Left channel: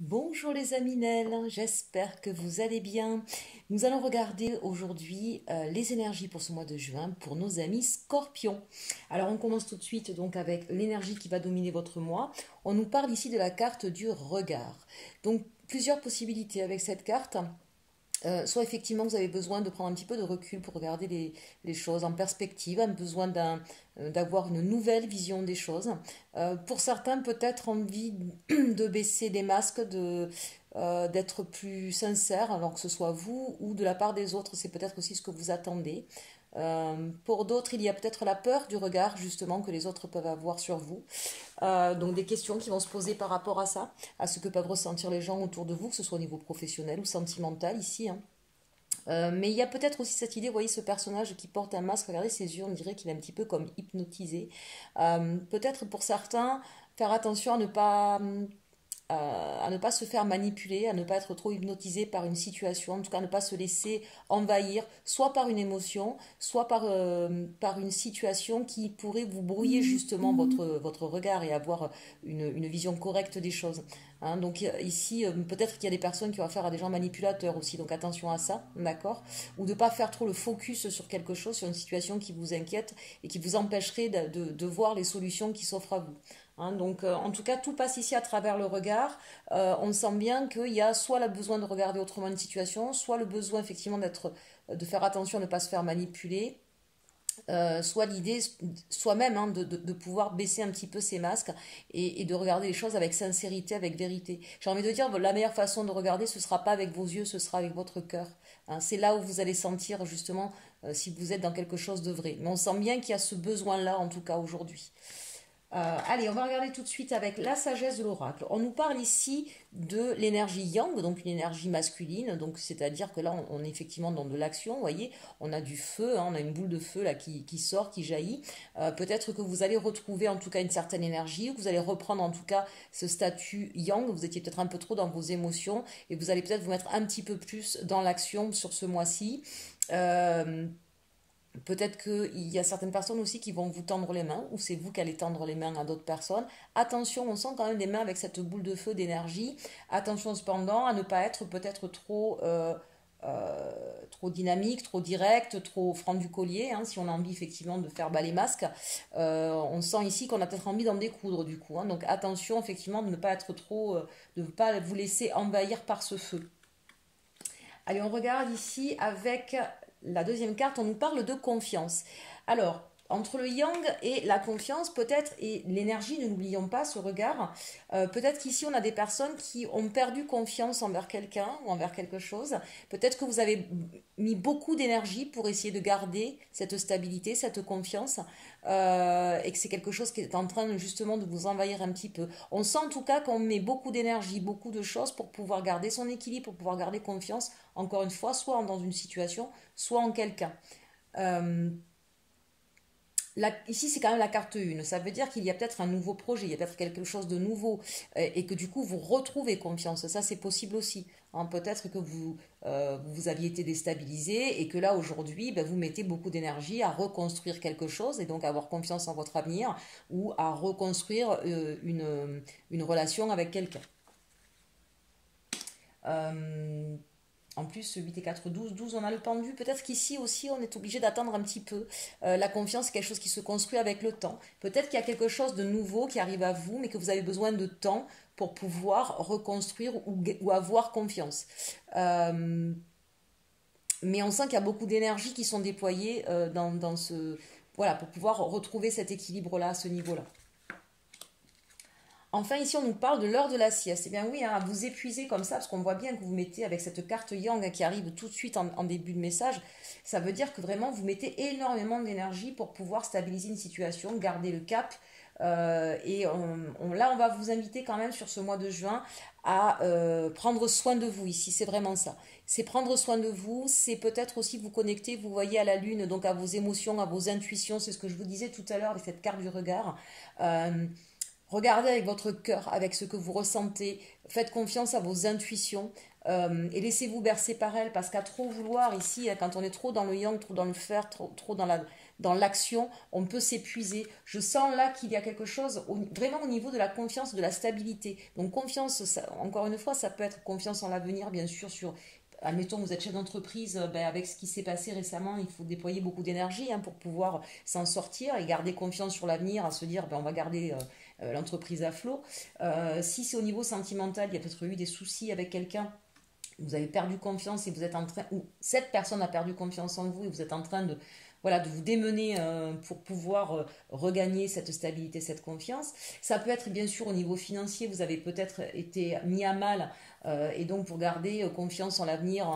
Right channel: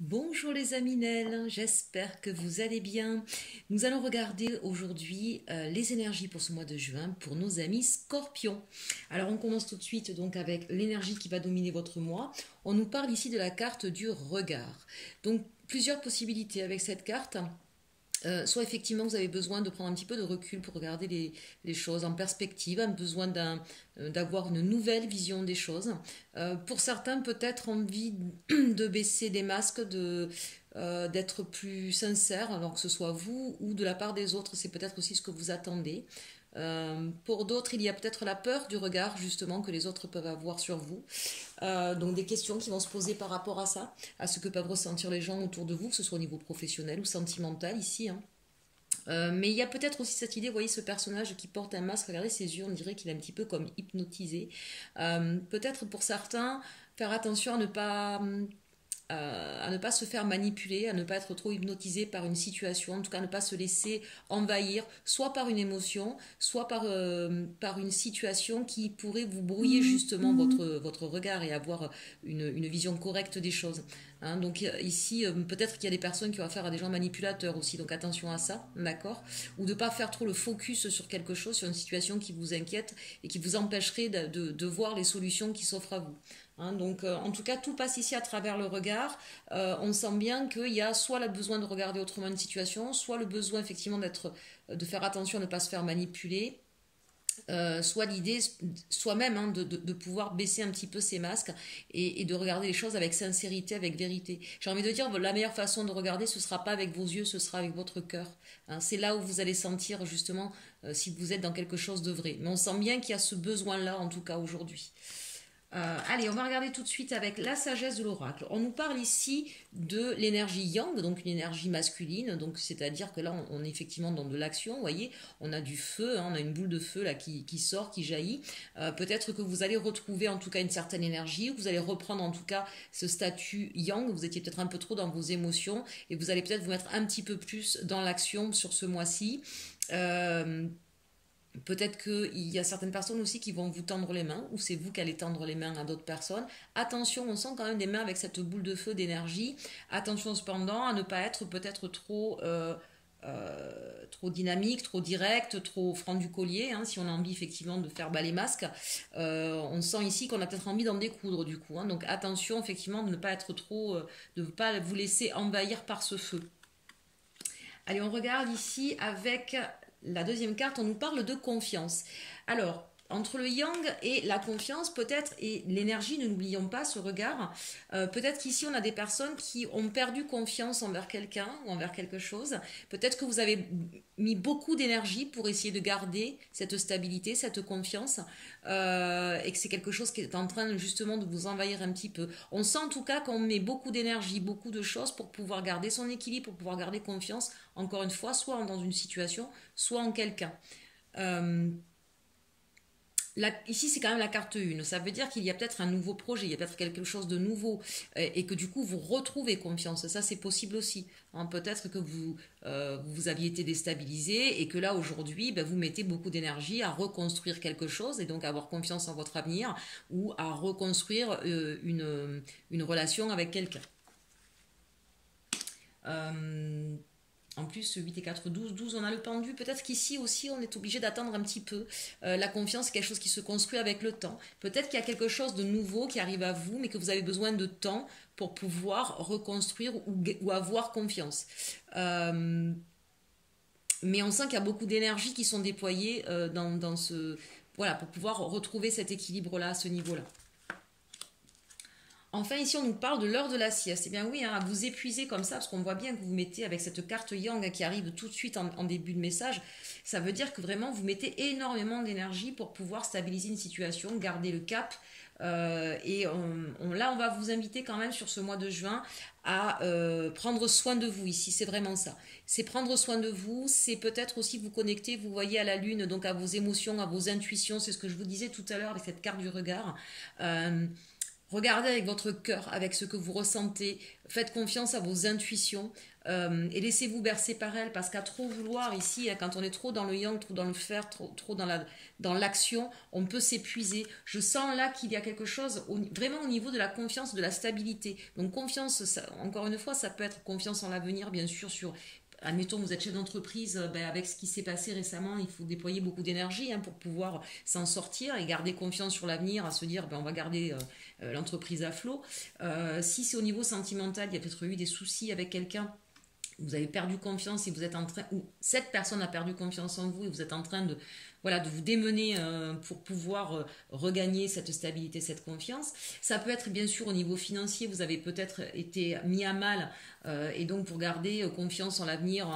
Bonjour les Aminelles, j'espère que vous allez bien. Nous allons regarder aujourd'hui les énergies pour ce mois de juin pour nos amis Scorpions. Alors on commence tout de suite donc avec l'énergie qui va dominer votre mois. On nous parle ici de la carte du regard. Donc plusieurs possibilités avec cette carte. Soit effectivement vous avez besoin de prendre un petit peu de recul pour regarder les choses en perspective, un besoin d'avoir une nouvelle vision des choses. Pour certains, peut-être envie de baisser les masques, d'être plus sincère, alors que ce soit vous ou de la part des autres, c'est peut-être aussi ce que vous attendez. Pour d'autres, il y a peut-être la peur du regard justement que les autres peuvent avoir sur vous. Donc des questions qui vont se poser par rapport à ça, à ce que peuvent ressentir les gens autour de vous, que ce soit au niveau professionnel ou sentimental ici, hein. Mais il y a peut-être aussi cette idée, vous voyez ce personnage qui porte un masque, regardez ses yeux, on dirait qu'il est un petit peu comme hypnotisé. Peut-être pour certains, faire attention à ne pas se faire manipuler, à ne pas être trop hypnotisé par une situation, en tout cas ne pas se laisser envahir, soit par une émotion, soit par une situation qui pourrait vous brouiller justement votre regard et avoir une vision correcte des choses. Hein, donc ici, peut-être qu'il y a des personnes qui ont affaire à des gens manipulateurs aussi, donc attention à ça, d'accord? Ou de ne pas faire trop le focus sur quelque chose, sur une situation qui vous inquiète et qui vous empêcherait de voir les solutions qui s'offrent à vous. Hein, donc, en tout cas, tout passe ici à travers le regard. On sent bien qu'il y a soit le besoin de regarder autrement une situation, soit le besoin effectivement de faire attention à ne pas se faire manipuler, soit l'idée soi-même hein, de pouvoir baisser un petit peu ses masques et de regarder les choses avec sincérité, avec vérité. J'ai envie de dire, la meilleure façon de regarder, ce ne sera pas avec vos yeux, ce sera avec votre cœur. Hein, c'est là où vous allez sentir justement si vous êtes dans quelque chose de vrai. Mais on sent bien qu'il y a ce besoin-là, en tout cas aujourd'hui. Allez, on va regarder tout de suite avec la sagesse de l'oracle. On nous parle ici de l'énergie yang, donc une énergie masculine, donc c'est-à-dire que là on est effectivement dans de l'action, vous voyez, on a du feu, hein, on a une boule de feu là qui sort, qui jaillit. Peut-être que vous allez retrouver en tout cas une certaine énergie, que vous allez reprendre en tout cas ce statut yang, vous étiez peut-être un peu trop dans vos émotions et vous allez peut-être vous mettre un petit peu plus dans l'action sur ce mois-ci. Peut-être qu'il y a certaines personnes aussi qui vont vous tendre les mains, ou c'est vous qui allez tendre les mains à d'autres personnes. Attention, on sent quand même des mains avec cette boule de feu d'énergie. Attention cependant à ne pas être peut-être trop dynamique, trop direct, trop franc du collier, hein, si on a envie effectivement de faire bas les masques. On sent ici qu'on a peut-être envie d'en découdre du coup. Hein, donc attention effectivement de ne pas être trop, de ne pas vous laisser envahir par ce feu. Allez, on regarde ici avec la deuxième carte, on nous parle de confiance. Alors, entre le yang et la confiance, peut-être, et l'énergie, ne n'oublions pas ce regard, peut-être qu'ici on a des personnes qui ont perdu confiance envers quelqu'un ou envers quelque chose. Peut-être que vous avez mis beaucoup d'énergie pour essayer de garder cette stabilité, cette confiance, et que c'est quelque chose qui est en train justement de vous envahir un petit peu. On sent en tout cas qu'on met beaucoup d'énergie, beaucoup de choses pour pouvoir garder son équilibre, pour pouvoir garder confiance, encore une fois, soit dans une situation, soit en quelqu'un. Ici, c'est quand même la carte 1. Ça veut dire qu'il y a peut-être un nouveau projet, il y a peut-être quelque chose de nouveau et que du coup, vous retrouvez confiance. Ça, c'est possible aussi. Hein, peut-être que vous aviez été déstabilisé et que là, aujourd'hui, ben, vous mettez beaucoup d'énergie à reconstruire quelque chose et donc à avoir confiance en votre avenir ou à reconstruire une relation avec quelqu'un. En plus, 8 et 4, 12, 12, on a le pendu. Peut-être qu'ici aussi, on est obligé d'attendre un petit peu. La confiance, c'est quelque chose qui se construit avec le temps. Peut-être qu'il y a quelque chose de nouveau qui arrive à vous, mais que vous avez besoin de temps pour pouvoir reconstruire ou avoir confiance. Mais on sent qu'il y a beaucoup d'énergie qui sont déployées dans ce... Voilà, pour pouvoir retrouver cet équilibre-là, à ce niveau-là. Enfin, ici, on nous parle de l'heure de la sieste. Eh bien oui, hein, vous épuisez comme ça, parce qu'on voit bien que vous mettez avec cette carte yang qui arrive tout de suite en début de message, ça veut dire que vraiment, vous mettez énormément d'énergie pour pouvoir stabiliser une situation, garder le cap. Là, on va vous inviter quand même sur ce mois de juin à prendre soin de vous ici. C'est vraiment ça. C'est prendre soin de vous, c'est peut-être aussi vous connecter, vous voyez à la lune, donc à vos émotions, à vos intuitions. C'est ce que je vous disais tout à l'heure avec cette carte du regard. Regardez avec votre cœur, avec ce que vous ressentez. Faites confiance à vos intuitions et laissez-vous bercer par elles. Parce qu'à trop vouloir ici, quand on est trop dans le yang, trop dans le fer, trop dans dans l'action, on peut s'épuiser. Je sens là qu'il y a quelque chose vraiment au niveau de la confiance, de la stabilité. Donc confiance, encore une fois, ça peut être confiance en l'avenir, bien sûr, sur... Admettons, vous êtes chef d'entreprise, avec ce qui s'est passé récemment, il faut déployer beaucoup d'énergie pour pouvoir s'en sortir et garder confiance sur l'avenir, à se dire on va garder l'entreprise à flot. Si c'est au niveau sentimental, il y a peut-être eu des soucis avec quelqu'un, vous avez perdu confiance et vous êtes en train, ou cette personne a perdu confiance en vous et vous êtes en train de, voilà, de vous démener pour pouvoir regagner cette stabilité, cette confiance. Ça peut être bien sûr au niveau financier, vous avez peut-être été mis à mal et donc pour garder confiance en l'avenir,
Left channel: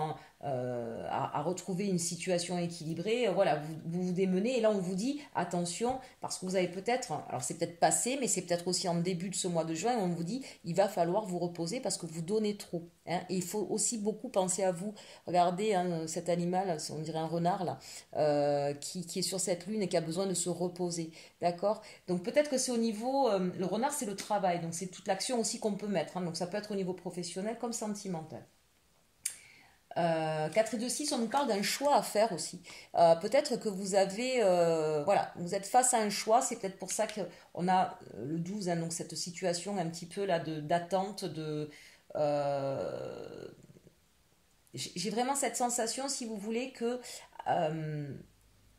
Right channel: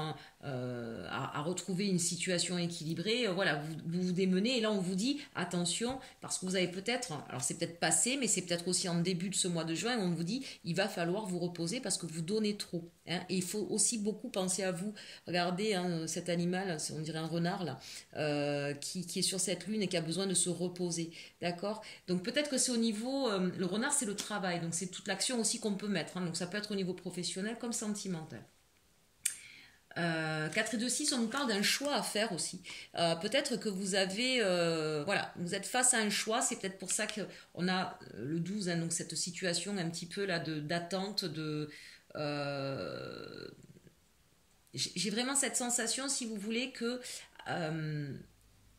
à retrouver une situation équilibrée, voilà, vous démenez et là on vous dit attention parce que vous avez peut-être, alors c'est peut-être passé mais c'est peut-être aussi en début de ce mois de juin et on vous dit il va falloir vous reposer parce que vous donnez trop, hein, et il faut aussi beaucoup penser à vous. Regardez cet animal, on dirait un renard là, qui est sur cette lune et qui a besoin de se reposer, d'accord? Donc peut-être que c'est au niveau, le renard c'est le travail, donc c'est toute l'action aussi qu'on peut mettre, hein, donc ça peut être au niveau professionnel comme sentimental. 4 et 2, 6, on nous parle d'un choix à faire aussi. Peut-être que vous avez, voilà, vous êtes face à un choix, c'est peut-être pour ça qu'on a le 12, hein, donc cette situation un petit peu là d'attente, j'ai vraiment cette sensation, si vous voulez, que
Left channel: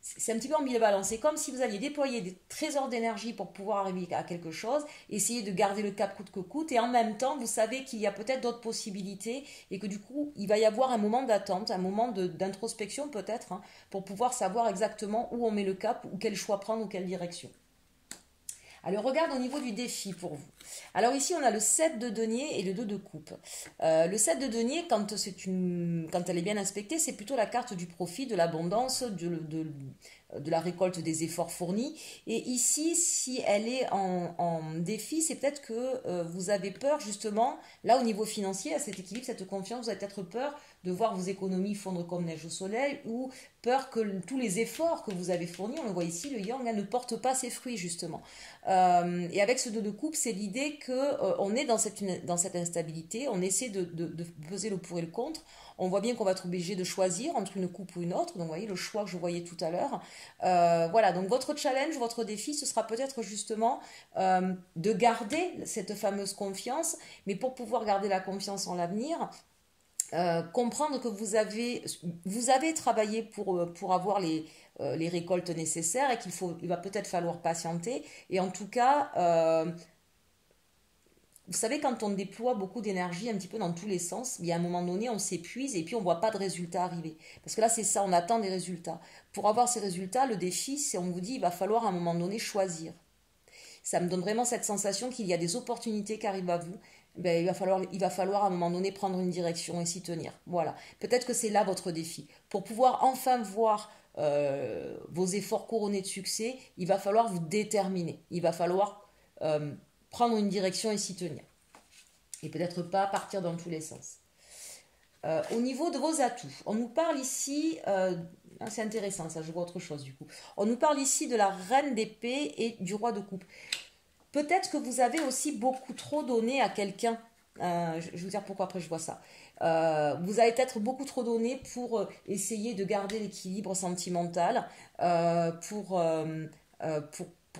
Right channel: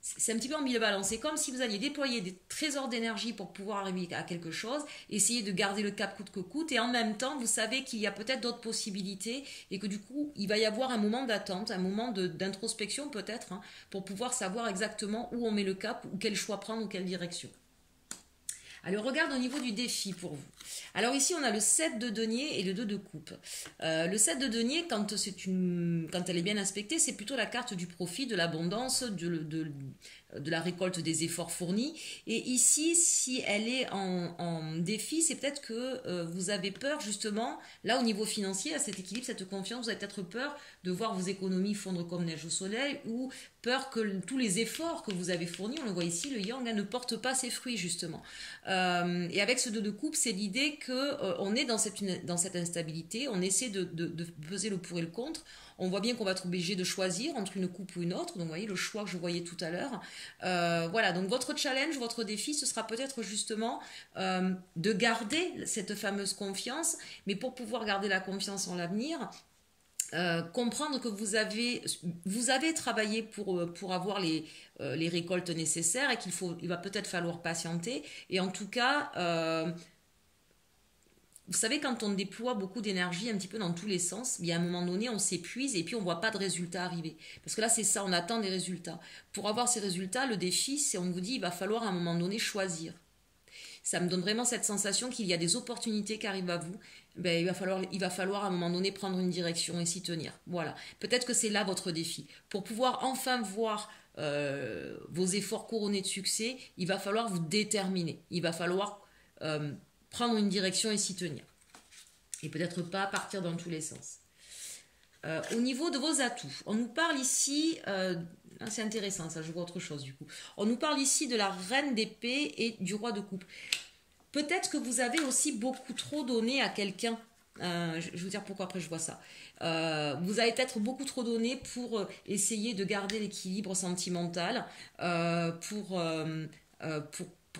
c'est un petit peu ambivalent. C'est comme si vous alliez déployer des trésors d'énergie pour pouvoir arriver à quelque chose, essayer de garder le cap coûte que coûte, et en même temps, vous savez qu'il y a peut-être d'autres possibilités et que du coup, il va y avoir un moment d'attente, un moment d'introspection peut-être, hein, pour pouvoir savoir exactement où on met le cap, ou quel choix prendre, ou quelle direction. Alors, regarde au niveau du défi pour vous. Alors ici, on a le 7 de denier et le 2 de coupe. Le 7 de denier, quand elle est bien inspectée, c'est plutôt la carte du profit, de l'abondance, de la récolte des efforts fournis. Et ici, si elle est en défi, c'est peut-être que vous avez peur justement, là au niveau financier, à cet équilibre, cette confiance, vous avez peut-être peur de voir vos économies fondre comme neige au soleil, ou peur que tous les efforts que vous avez fournis, on le voit ici, le yang ne porte pas ses fruits justement. Et avec ce 2 de coupe, c'est l'idée qu'on est dans cette instabilité, on essaie de peser le pour et le contre. On voit bien qu'on va être obligé de choisir entre une coupe ou une autre. Donc, vous voyez le choix que je voyais tout à l'heure. Voilà, donc votre challenge, votre défi, ce sera peut-être justement de garder cette fameuse confiance. Mais pour pouvoir garder la confiance en l'avenir, comprendre que vous avez travaillé pour avoir les récoltes nécessaires et il va peut-être falloir patienter. Et en tout cas... vous savez, quand on déploie beaucoup d'énergie un petit peu dans tous les sens, bien à un moment donné, on s'épuise et puis on ne voit pas de résultats arriver. Parce que là, c'est ça, on attend des résultats. Pour avoir ces résultats, le défi, c'est on vous dit, il va falloir à un moment donné choisir. Ça me donne vraiment cette sensation qu'il y a des opportunités qui arrivent à vous. Ben, il va falloir à un moment donné prendre une direction et s'y tenir. Voilà. Peut-être que c'est là votre défi. Pour pouvoir enfin voir vos efforts couronnés de succès, il va falloir vous déterminer. Il va falloir... prendre une direction et s'y tenir. Et peut-être pas partir dans tous les sens. Au niveau de vos atouts, on nous parle ici, c'est intéressant ça, je vois autre chose du coup. On nous parle ici de la reine d'épée et du roi de coupe. Peut-être que vous avez aussi beaucoup trop donné à quelqu'un. Je vais vous dire pourquoi après je vois ça. Vous avez peut-être beaucoup trop donné pour essayer de garder l'équilibre sentimental, pour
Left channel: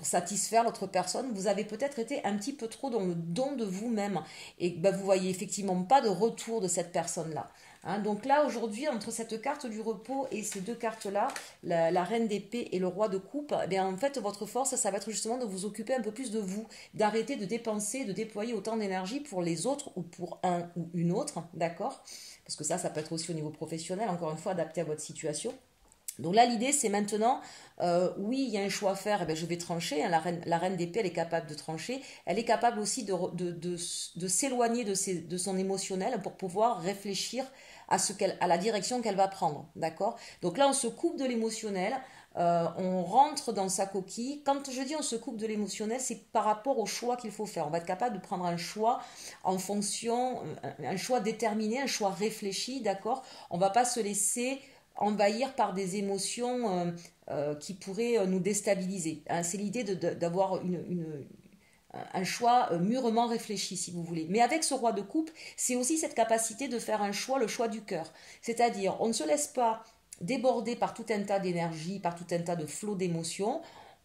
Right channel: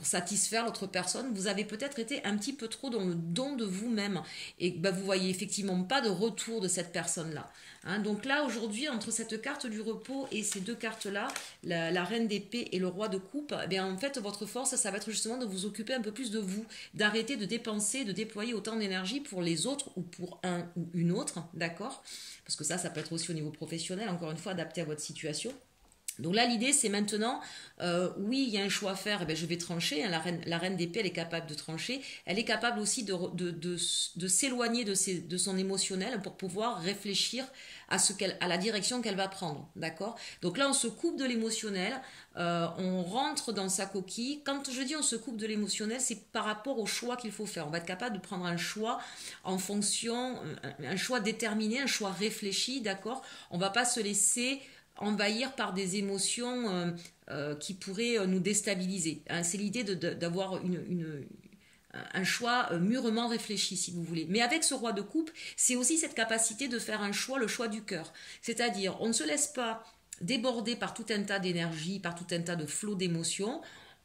satisfaire l'autre personne. Vous avez peut-être été un petit peu trop dans le don de vous-même et vous voyez effectivement pas de retour de cette personne-là. Hein, donc là, aujourd'hui, entre cette carte du repos et ces deux cartes-là, la reine d'épée et le roi de coupe, eh bien, en fait, votre force, ça va être justement de vous occuper un peu plus de vous, d'arrêter de dépenser, de déployer autant d'énergie pour les autres ou pour un ou une autre, d'accord? Parce que ça peut être aussi au niveau professionnel, encore une fois, adapté à votre situation. Donc là, l'idée, c'est maintenant, oui, il y a un choix à faire, eh bien, je vais trancher. Hein, la reine d'épée, elle est capable de trancher. Elle est capable aussi de s'éloigner de son émotionnel pour pouvoir réfléchir à la direction qu'elle va prendre. D'accord? Donc là, on se coupe de l'émotionnel, on rentre dans sa coquille. Quand je dis on se coupe de l'émotionnel, c'est par rapport au choix qu'il faut faire. On va être capable de prendre un choix en fonction, un choix déterminé, un choix réfléchi. D'accord? On ne va pas se laisser envahir par des émotions qui pourraient nous déstabiliser. Hein, c'est l'idée d'avoir un choix mûrement réfléchi, si vous voulez. Mais avec ce roi de coupe, c'est aussi cette capacité de faire un choix, le choix du cœur. C'est-à-dire, on ne se laisse pas débordé par tout un tas d'énergie, par tout un tas de flots d'émotions.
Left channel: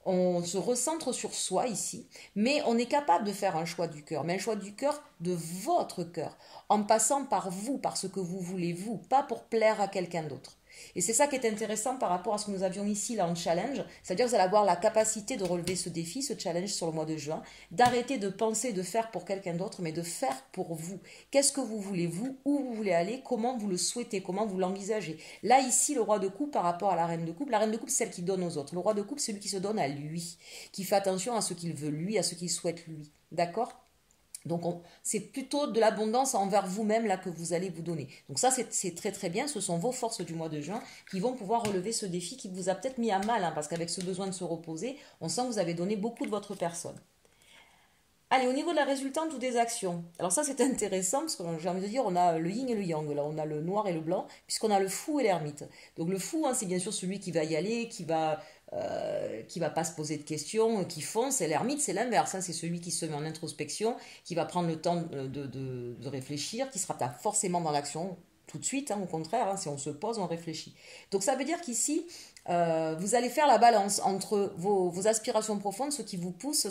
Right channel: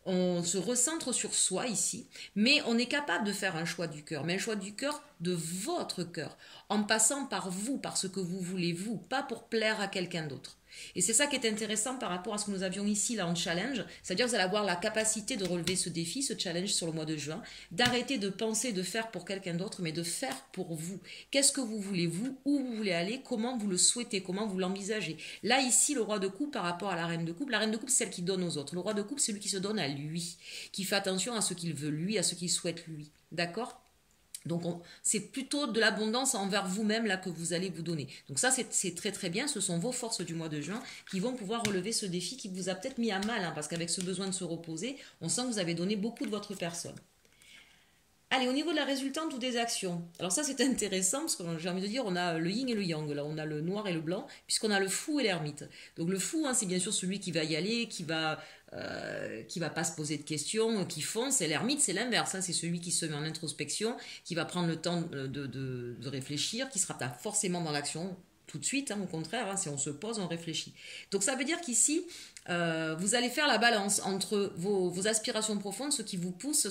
On se recentre sur soi ici, mais on est capable de faire un choix du cœur, mais un choix du cœur de votre cœur, en passant par vous, par ce que vous voulez vous, pas pour plaire à quelqu'un d'autre. Et c'est ça qui est intéressant par rapport à ce que nous avions ici là en challenge, c'est-à-dire que vous allez avoir la capacité de relever ce défi, ce challenge sur le mois de juin, d'arrêter de penser de faire pour quelqu'un d'autre, mais de faire pour vous. Qu'est-ce que vous voulez vous, où vous voulez aller, comment vous le souhaitez, comment vous l'envisagez. Là ici, le roi de coupe par rapport à la reine de coupe c'est celle qui donne aux autres. Le roi de coupe, c'est celui qui se donne à lui, qui fait attention à ce qu'il veut lui, à ce qu'il souhaite lui. D'accord ? Donc c'est plutôt de l'abondance envers vous-même là que vous allez vous donner. Donc ça c'est très très bien, ce sont vos forces du mois de juin qui vont pouvoir relever ce défi qui vous a peut-être mis à mal, hein, parce qu'avec ce besoin de se reposer, on sent que vous avez donné beaucoup de votre personne. Allez, au niveau de la résultante ou des actions. Alors ça c'est intéressant parce que j'ai envie de dire on a le yin et le yang, là on a le noir et le blanc, puisqu'on a le fou et l'ermite. Donc le fou, hein, c'est bien sûr celui qui va y aller, qui va pas se poser de questions, qui fonce. Et l'ermite, c'est l'inverse, hein, c'est celui qui se met en introspection, qui va prendre le temps de réfléchir, qui sera pas forcément dans l'action tout de suite, hein, au contraire, hein, si on se pose, on réfléchit. Donc ça veut dire qu'ici, vous allez faire la balance entre vos aspirations profondes, ce qui vous pousse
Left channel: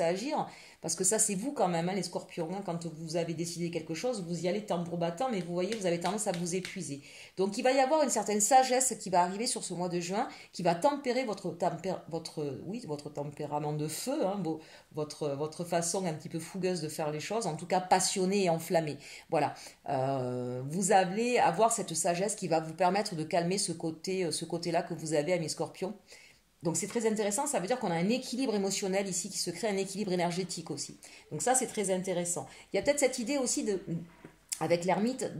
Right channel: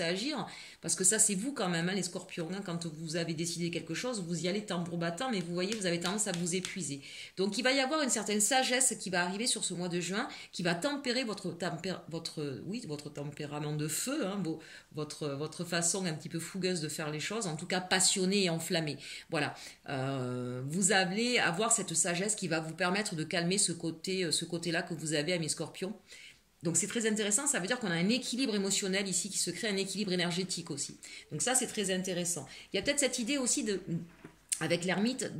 à agir, parce que ça c'est vous quand même, hein, les scorpions, hein, quand vous avez décidé quelque chose, vous y allez tambour battant, mais vous voyez, vous avez tendance à vous épuiser. Donc il va y avoir une certaine sagesse qui va arriver sur ce mois de juin, qui va tempérer votre tempérament de feu, hein, votre façon un petit peu fougueuse de faire les choses, en tout cas passionnée et enflammée. Voilà, vous allez avoir cette sagesse qui va vous permettre de calmer ce côté-là que vous avez à mes scorpions. Donc c'est très intéressant, ça veut dire qu'on a un équilibre émotionnel ici qui se crée, un équilibre énergétique aussi. Donc ça c'est très intéressant. Il y a peut-être cette idée aussi avec l'ermite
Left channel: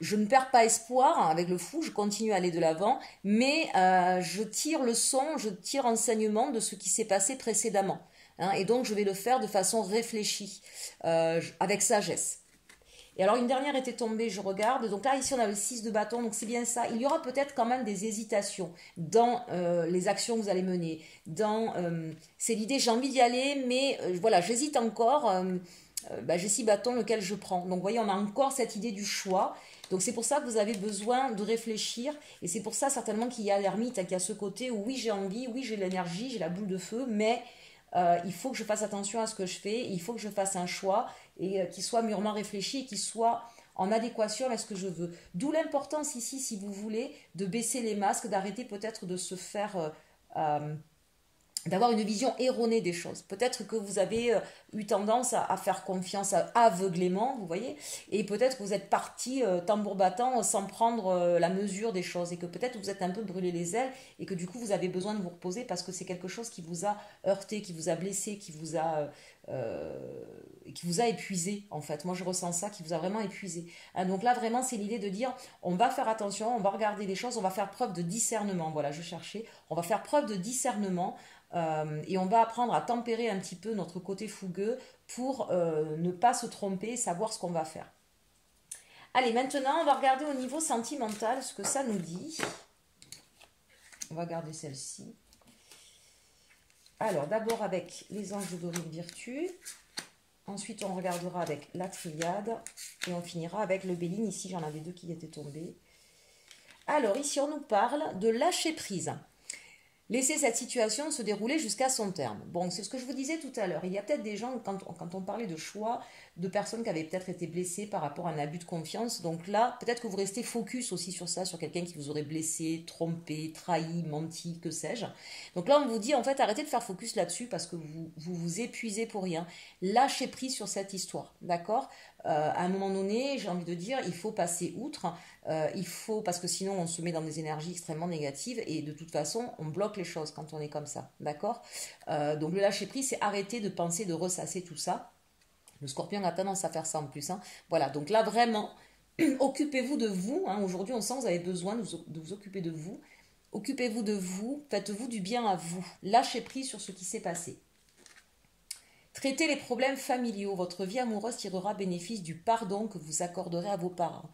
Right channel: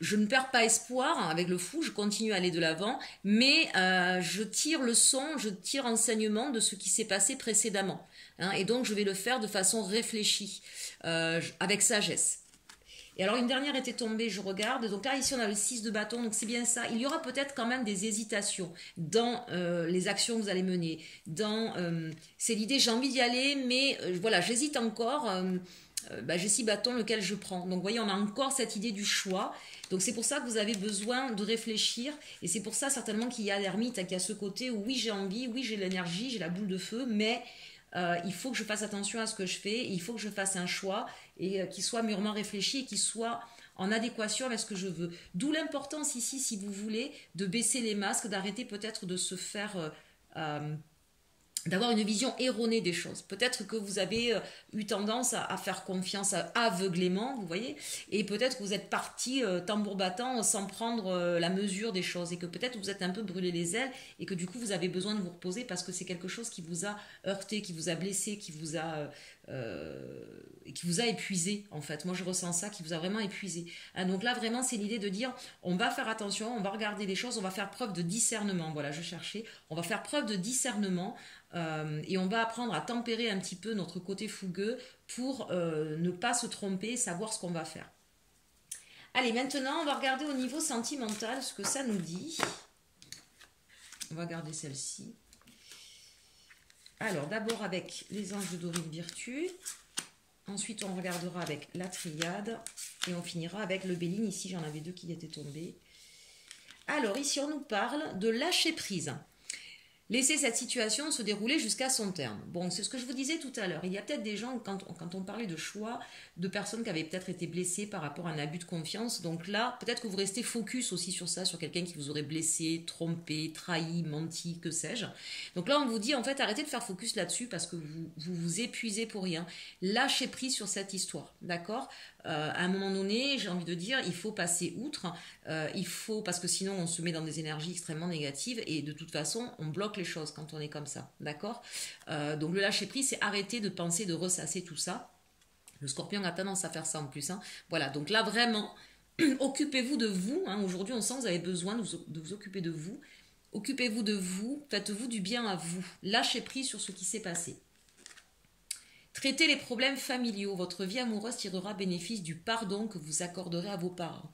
je ne perds pas espoir, avec le fou je continue à aller de l'avant, mais je tire leçon, je tire enseignement de ce qui s'est passé précédemment. Hein, et donc je vais le faire de façon réfléchie, avec sagesse. Et alors une dernière était tombée, je regarde, donc là ici on a le 6 de bâton, donc c'est bien ça. Il y aura peut-être quand même des hésitations dans les actions que vous allez mener. C'est l'idée, j'ai envie d'y aller, mais voilà, j'hésite encore, j'ai 6 bâtons, lequel je prends. Donc vous voyez, on a encore cette idée du choix. Donc c'est pour ça que vous avez besoin de réfléchir, et c'est pour ça certainement qu'il y a l'ermite, hein, qui a ce côté où oui j'ai envie, oui j'ai l'énergie, j'ai la boule de feu, mais il faut que je fasse attention à ce que je fais, il faut que je fasse un choix, et qu'il soit mûrement réfléchi et qu'il soit en adéquation avec ce que je veux. D'où l'importance ici, si vous voulez, de baisser les masques, d'arrêter peut-être de se faire... d'avoir une vision erronée des choses. Peut-être que vous avez eu tendance à faire confiance aveuglément, vous voyez, et peut-être que vous êtes parti tambour battant sans prendre la mesure des choses, et que peut-être vous êtes un peu brûlé les ailes, et que du coup vous avez besoin de vous reposer parce que c'est quelque chose qui vous a heurté, qui vous a blessé, qui vous a épuisé en fait. Moi je ressens ça, qui vous a vraiment épuisé. Hein, donc là vraiment c'est l'idée de dire on va faire attention, on va regarder les choses, on va faire preuve de discernement. Voilà, je cherchais. On va faire preuve de discernement et on va apprendre à tempérer un petit peu notre côté fougueux pour ne pas se tromper et savoir ce qu'on va faire. Allez, maintenant on va regarder au niveau sentimental ce que ça nous dit. On va garder celle-ci. Alors d'abord avec les anges d'Auril Virtue. Ensuite, on regardera avec la triade et on finira avec le Béline. Ici, j'en avais deux qui étaient tombés. Alors, ici, on nous parle de lâcher prise. Laisser cette situation se dérouler jusqu'à son terme. Bon, c'est ce que je vous disais tout à l'heure. Il y a peut-être des gens, quand on parlait de choix, de personnes qui avaient peut-être été blessées par rapport à un abus de confiance. Donc là, peut-être que vous restez focus aussi sur ça, sur quelqu'un qui vous aurait blessé, trompé, trahi, menti, que sais-je. Donc là, on vous dit, en fait, arrêtez de faire focus là-dessus parce que vous épuisez pour rien. Lâchez prise sur cette histoire, d'accord ? À un moment donné, j'ai envie de dire, il faut passer outre. Parce que sinon on se met dans des énergies extrêmement négatives et de toute façon on bloque les choses quand on est comme ça, d'accord. Donc le lâcher prise, c'est arrêter de penser, de ressasser tout ça. Le scorpion a tendance à faire ça en plus, hein. Voilà, donc là vraiment occupez-vous de vous, hein. Aujourd'hui on sent que vous avez besoin de vous occuper de vous. Occupez-vous de vous, faites-vous du bien à vous, lâchez prise sur ce qui s'est passé. Traitez les problèmes familiaux, votre vie amoureuse tirera bénéfice du pardon que vous accorderez à vos parents.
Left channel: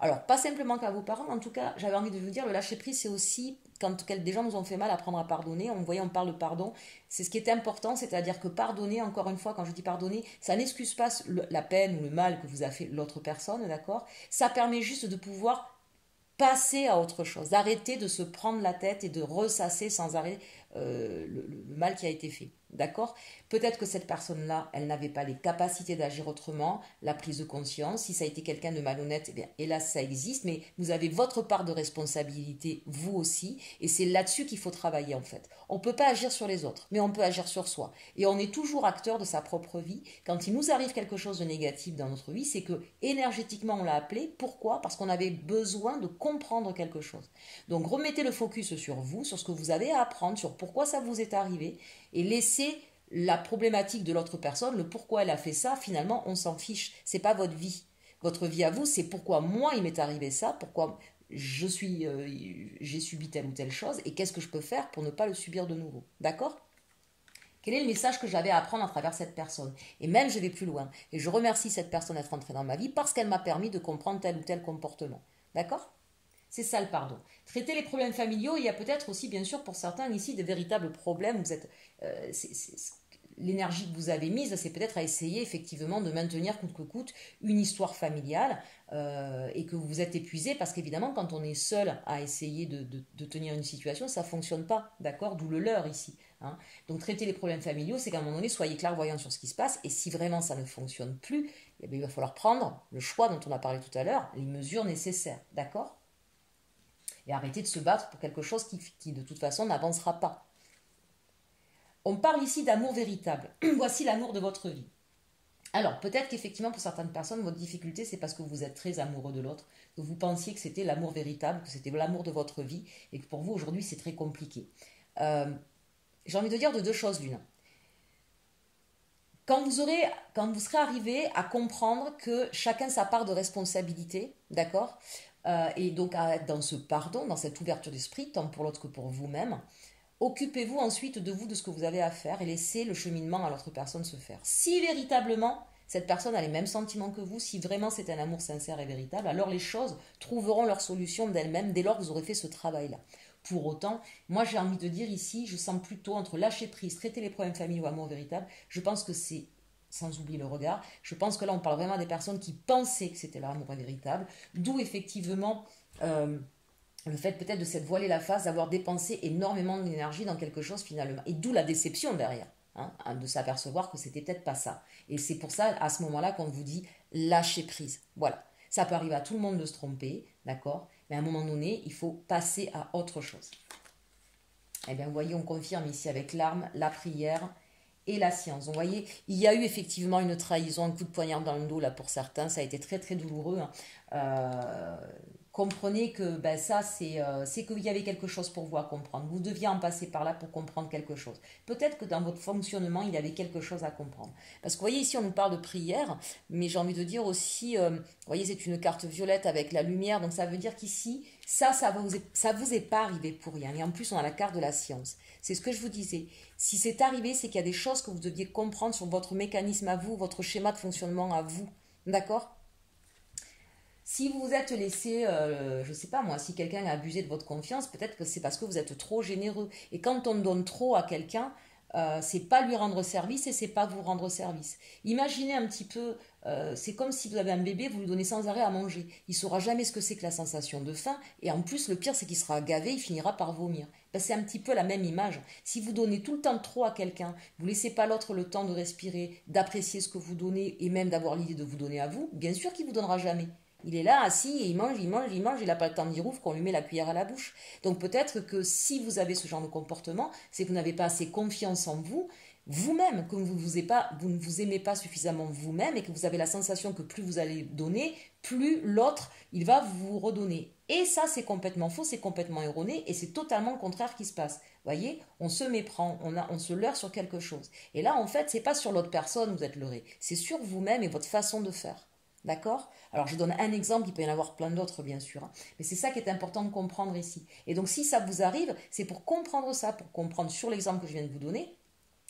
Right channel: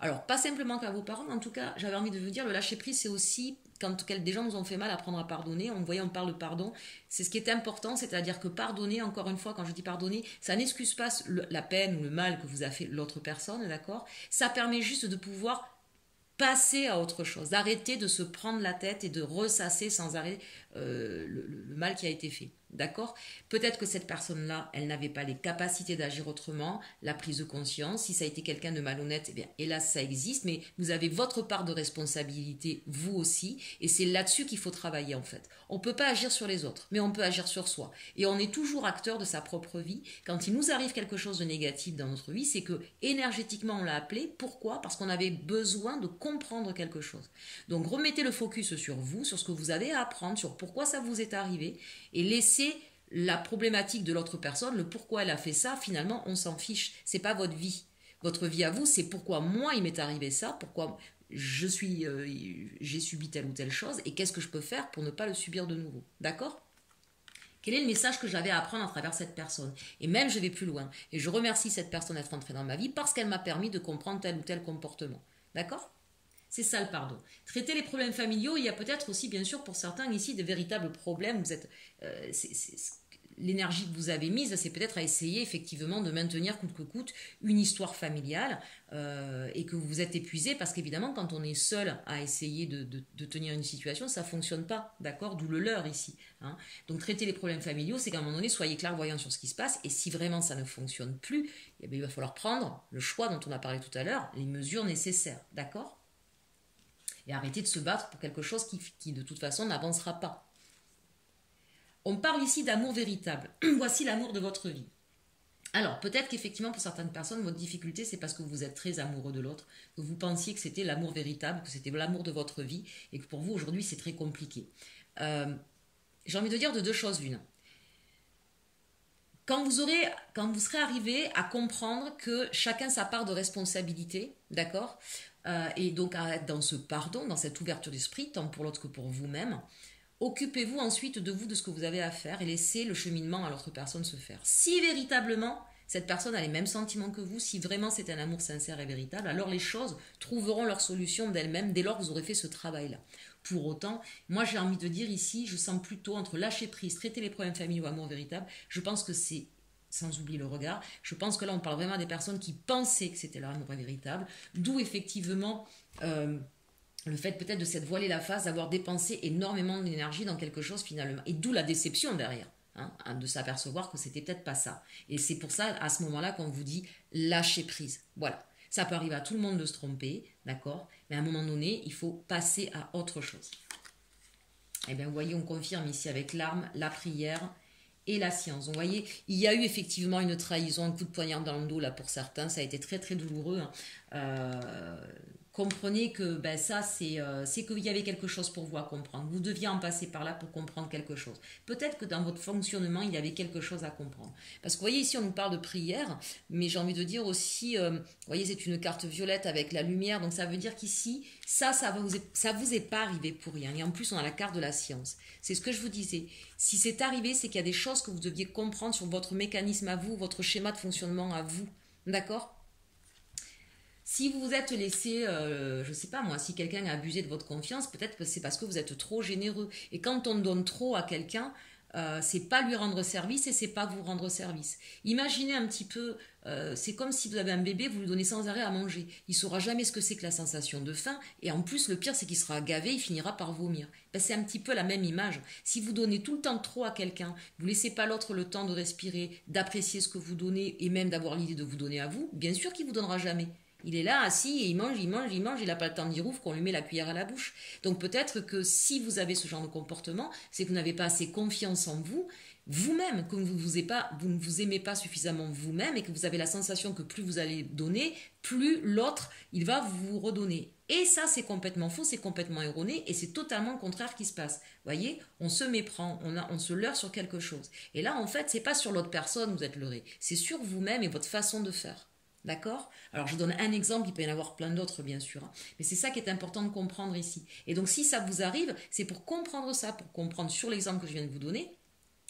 Alors, pas simplement qu'à vos parents, en tout cas, j'avais envie de vous dire, le lâcher-prise, c'est aussi quand des gens nous ont fait mal, apprendre à pardonner. On parle de pardon, c'est ce qui est important, c'est-à-dire que pardonner, encore une fois, quand je dis pardonner, ça n'excuse pas la peine ou le mal que vous a fait l'autre personne, d'accord. Ça permet juste de pouvoir passer à autre chose, d'arrêter de se prendre la tête et de ressasser sans arrêt le mal qui a été fait. D'accord? Peut-être que cette personne-là, elle n'avait pas les capacités d'agir autrement, la prise de conscience. Si ça a été quelqu'un de malhonnête, eh bien, hélas, ça existe, mais vous avez votre part de responsabilité, vous aussi, et c'est là-dessus qu'il faut travailler en fait. On ne peut pas agir sur les autres, mais on peut agir sur soi. Et on est toujours acteur de sa propre vie. Quand il nous arrive quelque chose de négatif dans notre vie, c'est que énergétiquement, on l'a appelé. Pourquoi? Parce qu'on avait besoin de comprendre quelque chose. Donc, remettez le focus sur vous, sur ce que vous avez à apprendre, sur pourquoi ça vous est arrivé, et laissez la problématique de l'autre personne, le pourquoi elle a fait ça, finalement, on s'en fiche. C'est pas votre vie. Votre vie à vous, c'est pourquoi moi il m'est arrivé ça, pourquoi j'ai subi telle ou telle chose, et qu'est-ce que je peux faire pour ne pas le subir de nouveau. D'accord? Quel est le message que j'avais à apprendre à travers cette personne? Et même, je vais plus loin. Et je remercie cette personne d'être entrée dans ma vie parce qu'elle m'a permis de comprendre tel ou tel comportement. D'accord? C'est ça le pardon. Traiter les problèmes familiaux, il y a peut-être aussi, bien sûr, pour certains ici, des véritables problèmes. Vous êtes, l'énergie que vous avez mise, c'est peut-être à essayer effectivement de maintenir coûte que coûte une histoire familiale et que vous vous êtes épuisé parce qu'évidemment, quand on est seul à essayer de tenir une situation, ça ne fonctionne pas, d'accord? D'où le leurre ici. Hein. Donc, traiter les problèmes familiaux, c'est qu'à un moment donné, soyez clairvoyants sur ce qui se passe et si vraiment ça ne fonctionne plus, eh bien, il va falloir prendre le choix dont on a parlé tout à l'heure, les mesures nécessaires, d'accord? Et arrêter de se battre pour quelque chose qui de toute façon n'avancera pas. On parle ici d'amour véritable. Voici l'amour de votre vie. Alors, peut-être qu'effectivement, pour certaines personnes, votre difficulté, c'est parce que vous êtes très amoureux de l'autre, que vous pensiez que c'était l'amour véritable, que c'était l'amour de votre vie, et que pour vous, aujourd'hui, c'est très compliqué. J'ai envie de dire de deux choses l'une. Quand vous serez arrivé à comprendre que chacun sa part de responsabilité, d'accord, et donc à être dans ce pardon, dans cette ouverture d'esprit, tant pour l'autre que pour vous-même, occupez-vous ensuite de vous, de ce que vous avez à faire et laissez le cheminement à l'autre personne se faire. Si véritablement cette personne a les mêmes sentiments que vous, si vraiment c'est un amour sincère et véritable, alors les choses trouveront leur solution d'elles-mêmes dès lors que vous aurez fait ce travail-là. Pour autant, moi j'ai envie de dire ici, je sens plutôt entre lâcher prise, traiter les problèmes familiaux ou amour véritable, je pense que c'est, sans oublier le regard, je pense que là on parle vraiment des personnes qui pensaient que c'était leur amour véritable, d'où effectivement le fait peut-être de s'être voilé la face, d'avoir dépensé énormément d'énergie dans quelque chose finalement, et d'où la déception derrière, hein, de s'apercevoir que c'était peut-être pas ça. Et c'est pour ça, à ce moment-là, qu'on vous dit lâcher prise. Voilà, ça peut arriver à tout le monde de se tromper, d'accord? Mais à un moment donné, il faut passer à autre chose. Eh bien, vous voyez, on confirme ici avec l'arme, la prière et la science. Donc, vous voyez, il y a eu effectivement une trahison, un coup de poignard dans le dos là pour certains. Ça a été très très douloureux. Hein. Comprenez que ben, ça, c'est qu'il y avait quelque chose pour vous à comprendre. Vous deviez en passer par là pour comprendre quelque chose. Peut-être que dans votre fonctionnement, il y avait quelque chose à comprendre. Parce que vous voyez, ici, on nous parle de prière, mais j'ai envie de dire aussi, vous voyez, c'est une carte violette avec la lumière, donc ça veut dire qu'ici, ça vous est pas arrivé pour rien. Et en plus, on a la carte de la science. C'est ce que je vous disais. Si c'est arrivé, c'est qu'il y a des choses que vous deviez comprendre sur votre mécanisme à vous, votre schéma de fonctionnement à vous. D'accord ? Si vous vous êtes laissé, je ne sais pas moi, si quelqu'un a abusé de votre confiance, peut-être que c'est parce que vous êtes trop généreux. Et quand on donne trop à quelqu'un, c'est pas lui rendre service et c'est pas vous rendre service. Imaginez un petit peu, c'est comme si vous avez un bébé, vous lui donnez sans arrêt à manger. Il saura jamais ce que c'est que la sensation de faim. Et en plus, le pire, c'est qu'il sera gavé, il finira par vomir. Ben, c'est un petit peu la même image. Si vous donnez tout le temps trop à quelqu'un, vous laissez pas l'autre le temps de respirer, d'apprécier ce que vous donnez et même d'avoir l'idée de vous donner à vous, bien sûr qu'il vous donnera jamais. Il est là, assis, et il mange, il n'a pas le temps d'y rouvre qu'on lui met la cuillère à la bouche. Donc peut-être que si vous avez ce genre de comportement, c'est que vous n'avez pas assez confiance en vous, vous-même, que vous ne vous aimez pas suffisamment vous-même et que vous avez la sensation que plus vous allez donner, plus l'autre, il va vous redonner. Et ça, c'est complètement faux, c'est complètement erroné et c'est totalement le contraire qui se passe. Vous voyez, on se méprend, on se leurre sur quelque chose. Et là, en fait, c'est pas sur l'autre personne que vous êtes leurré, c'est sur vous-même et votre façon de faire. D'accord ? Alors, je donne un exemple, il peut y en avoir plein d'autres, bien sûr. Hein. Mais c'est ça qui est important de comprendre ici. Et donc, si ça vous arrive, c'est pour comprendre ça, pour comprendre sur l'exemple que je viens de vous donner,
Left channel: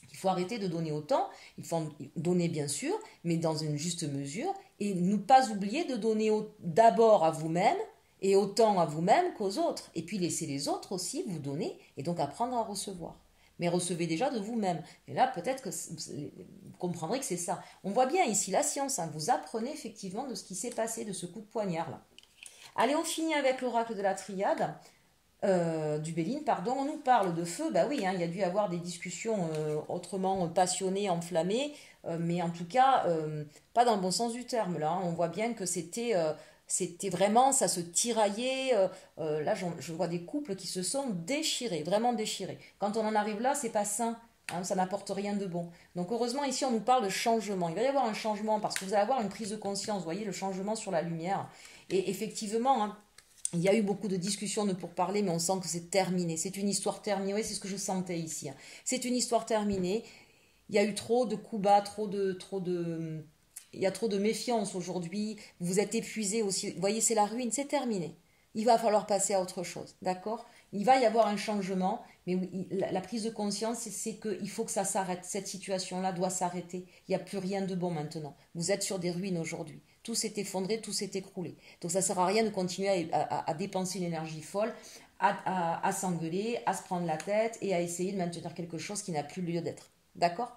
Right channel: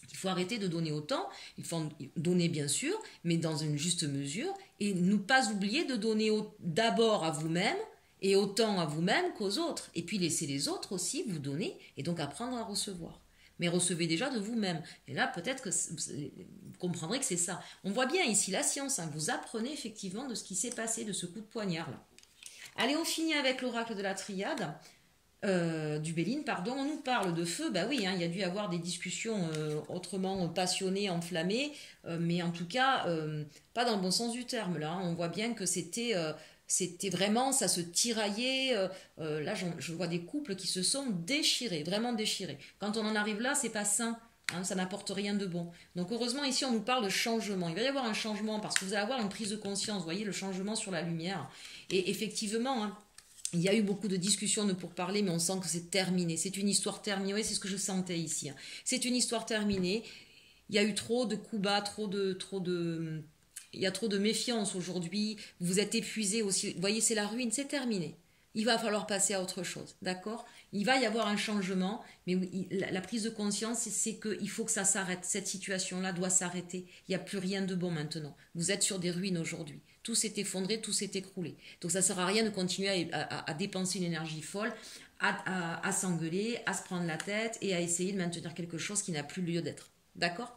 qu'il faut arrêter de donner autant. Il faut donner, bien sûr, mais dans une juste mesure. Et ne pas oublier de donner d'abord à vous-même et autant à vous-même qu'aux autres. Et puis, laisser les autres aussi vous donner et donc apprendre à recevoir. Mais recevez déjà de vous-même. Et là, peut-être que vous comprendrez que c'est ça. On voit bien ici la science. Hein, vous apprenez effectivement de ce qui s'est passé, de ce coup de poignard-là. Allez, on finit avec l'oracle de la triade. Du Béline, pardon, on nous parle de feu, bah oui, hein, il y a dû y avoir des discussions autrement passionnées, enflammées, mais en tout cas, pas dans le bon sens du terme, là, hein. On voit bien que c'était vraiment, ça se tiraillait, là je vois des couples qui se sont déchirés, vraiment déchirés. Quand on en arrive là, c'est pas sain, hein, ça n'apporte rien de bon. Donc heureusement, ici, on nous parle de changement, il va y avoir un changement, parce que vous allez avoir une prise de conscience, vous voyez, le changement sur la lumière, et effectivement, hein, il y a eu beaucoup de discussions de pourparlers, mais on sent que c'est terminé. C'est une histoire terminée. Oui, c'est ce que je sentais ici. C'est une histoire terminée. Il y a eu trop de coups bas, il y a trop de méfiance aujourd'hui. Vous êtes épuisé aussi. Vous voyez, c'est la ruine. C'est terminé. Il va falloir passer à autre chose. D'accord? Il va y avoir un changement, mais la prise de conscience, c'est qu'il faut que ça s'arrête. Cette situation-là doit s'arrêter. Il n'y a plus rien de bon maintenant. Vous êtes sur des ruines aujourd'hui. Tout s'est effondré, tout s'est écroulé. Donc ça ne sert à rien de continuer à dépenser une énergie folle, à s'engueuler, à se prendre la tête et à essayer de maintenir quelque chose qui n'a plus lieu d'être. D'accord?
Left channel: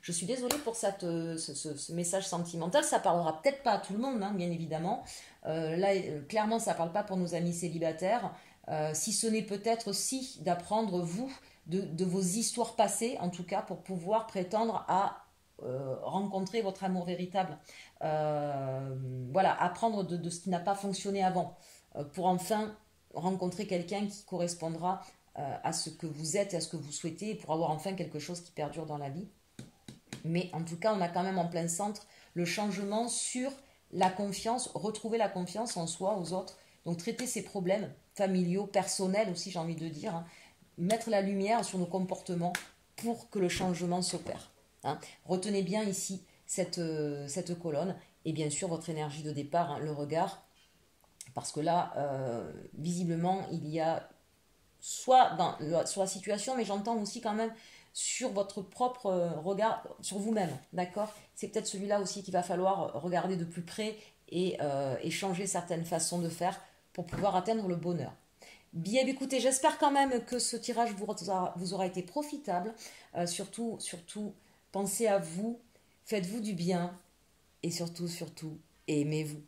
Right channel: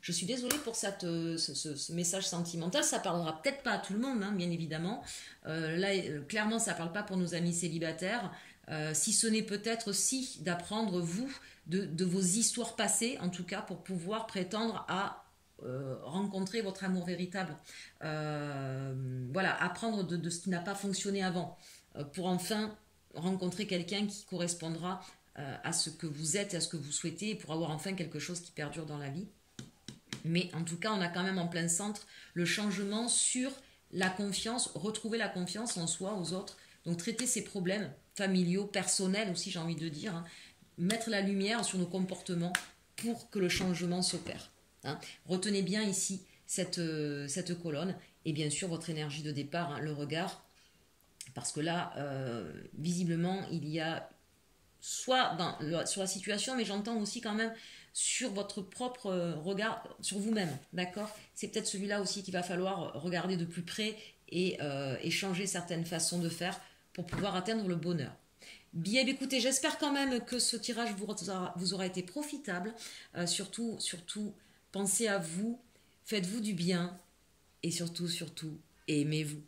Je suis désolée pour ce message sentimental. Ça ne parlera peut-être pas à tout le monde, hein, bien évidemment. Là, clairement, ça ne parle pas pour nos amis célibataires. Si ce n'est peut-être aussi d'apprendre, vous, de vos histoires passées, en tout cas, pour pouvoir prétendre à rencontrer votre amour véritable. Voilà, apprendre de ce qui n'a pas fonctionné avant, pour enfin rencontrer quelqu'un qui correspondra à ce que vous êtes, à ce que vous souhaitez, pour avoir enfin quelque chose qui perdure dans la vie. Mais en tout cas, on a quand même en plein centre le changement sur la confiance, retrouver la confiance en soi, aux autres. Donc traiter ces problèmes familiaux, personnels aussi, j'ai envie de dire, hein. Mettre la lumière sur nos comportements pour que le changement s'opère. Hein. Retenez bien ici cette colonne et bien sûr votre énergie de départ, hein, le regard, parce que là, visiblement, il y a soit sur la situation, mais j'entends aussi quand même sur votre propre regard, sur vous-même, d'accord? C'est peut-être celui-là aussi qu'il va falloir regarder de plus près et changer certaines façons de faire pour pouvoir atteindre le bonheur. Bien, écoutez, j'espère quand même que ce tirage vous aura été profitable. Surtout, pensez à vous, faites-vous du bien et surtout, aimez-vous.